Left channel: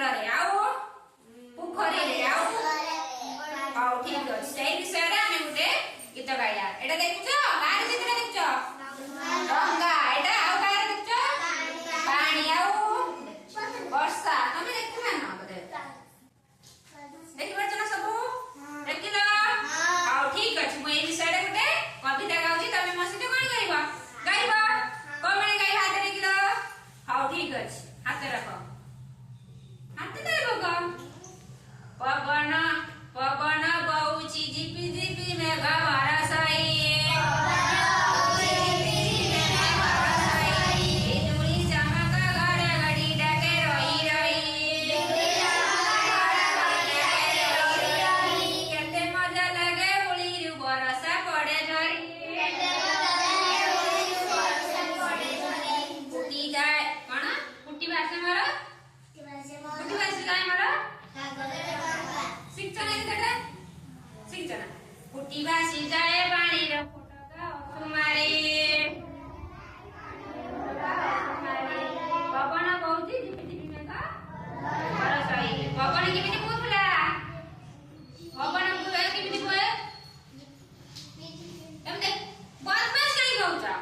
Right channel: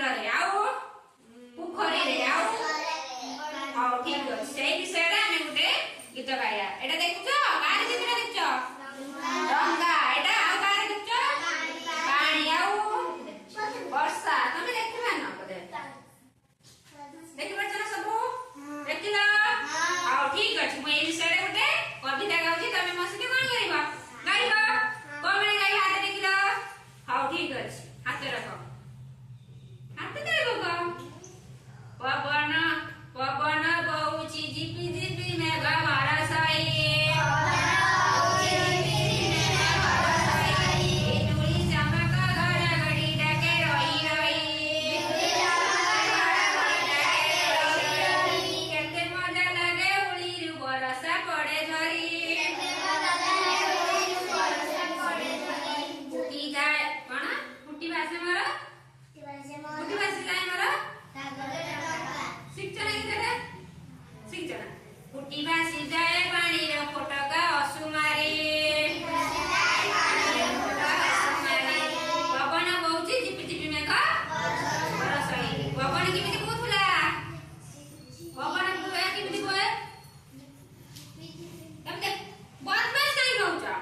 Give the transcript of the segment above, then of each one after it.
समुद्र रे आउ पोखरी रे आउ हाउ ठीक अछि सेही विषय रे हम गुटे गीत गाया एटा देखुछो कार चित्र देखुछो गंगा एटा आउ कार देखुछो पानी आउ वर्षा तमे देखिबा न बदे देखिबा चला सबु देखिलो हाउ ठीक अछि मु ए विषय रे गुटे कविता गाउची तमे मसिके कोन करबा गाइबा कोबळे गाइ हाथ देखिलो हाउ ठीक अछि हाथ रखो हाथ दे बगा पवन पवन बहुची झिपी झिपी मेघ बरसाई बिजुली चमक घड़घड़ी डके रही रही केते मजा लागे उड़ीरु बरसा पड़े झरी फुटी जाए कौन फुटी भाषा मोर फुटी भाषा जाए मोर फुटी भासी जाए पानी रे फटका असुमारी पवन बहुची झिपी झिपी मेघ बरसाई पवन केमिति बोथुला पवन बुया केमिति बोए एमते बदमाश कई कहउचा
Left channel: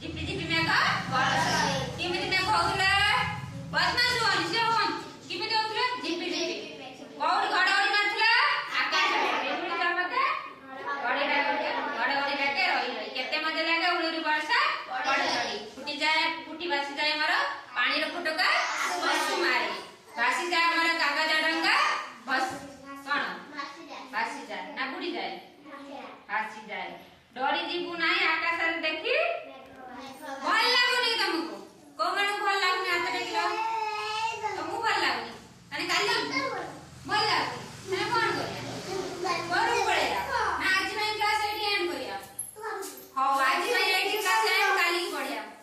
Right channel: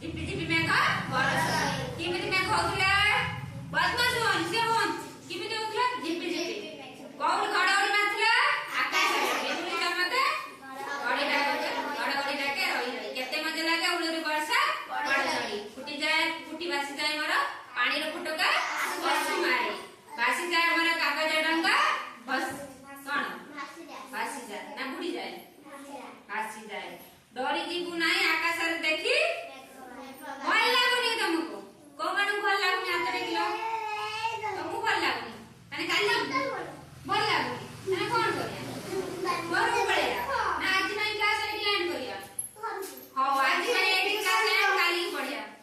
झिपी झिपी मेघ बरसाई केमिति मेघ होथुला बदमाश होनी से होन केमिति होथुला झिपी झिपी कौन घड़घड़ी नाथुला आकाश रे बिजुली चमके घड़घड़ी डाके रही रही केते मजा लागे उड़ीरु वर्षा पड़े झड़ी फुटी जाए फुटी भासी जाए मोर पानी रो फटका बसु मारे भासी जाए मोर कागज डंगा बस कोन भासी जाए ना बुड़ी जाए भासी जाए डरी जीवु ना